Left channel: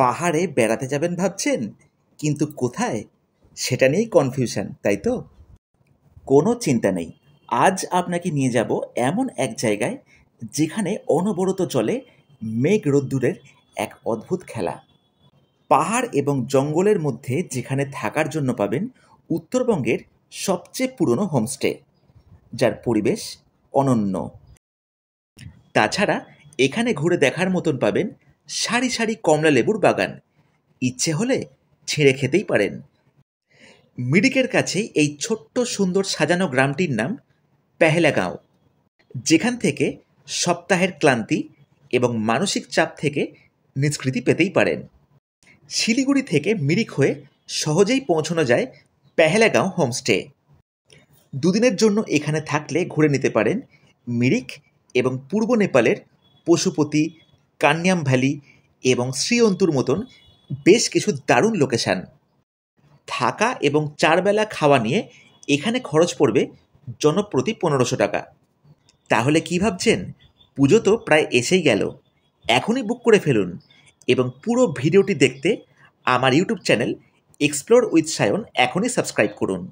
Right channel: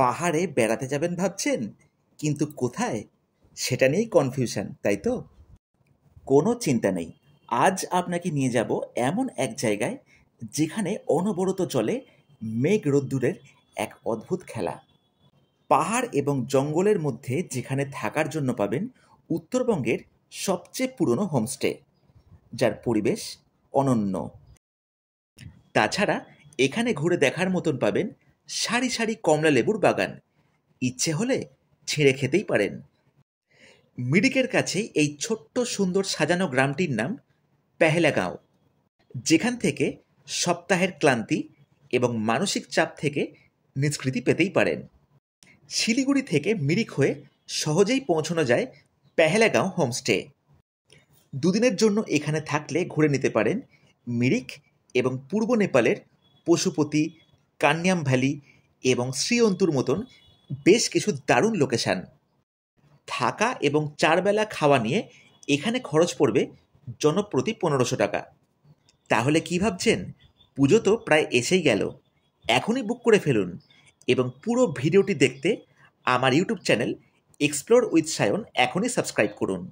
পাহাড়ে বেড়াতে যাবেন ভাবছেন, কিন্তু কোথায় সেটা নিয়েই কনফিউশন, তাই তো? কোনো চিন্তা নেই। আজ আপনাকে নিয়ে যাব এমন এক জায়গায় যেখানে অনবরত চলে মেঘ রোদ্দুরের এক অদ্ভুত খেলা। পাহাড় এবং জঙ্গলের মধ্যে যেখানে থাকার জন্য পাবেন উত্তরবঙ্গের সবচেয়ে পুরনো হোমস্টে, যার পরিবেশ অনন্য। তাছাড়া এখানে ঘুরে দেখার মতন পাবেন সারি সারি কমলা লেবুর বাগান, ইচ্ছে হলে ছিঁড়ে খেতেই পারেন। মিরিকের কাছেই এই ছোট্ট সুন্দর সাজানো গ্রামটির নাম পেহেলাগাঁও, যেখান থেকে সপ্তাহের ক্লান্তি এবং মানসিক চাপ থেকে নিষ্কৃতি পেতেই পারেন। শিলিগুড়ি থেকে মিরিক হয়ে সহজেই পৌঁছানো যায় পেহেলাগাঁও হোমস্টে। দুদিনের জন্য এখানে থাকলে ঘুরে নিতে পারেন মিরিক এবং পূর্ব নেপালের পশুপতি, কান্যাম ভ্যালি এবং শ্রীঅন্তুর মতন বেশ কিছু দারুণ লোকেশান। থাকা এবং 4 বেলা খাওয়া নিয়ে এখানে খরচ পড়বে জনপ্রতি 1500 টাকা। তাহলে কি ভাবছেন? পুজো তো প্রায় এসেই গেল। এখনই বুক করে ফেলুন এবং পুরো ভিডিওটি দেখতে আমার YouTube channel explore with Sayan এখনই সাবস্ক্রাইব করুন।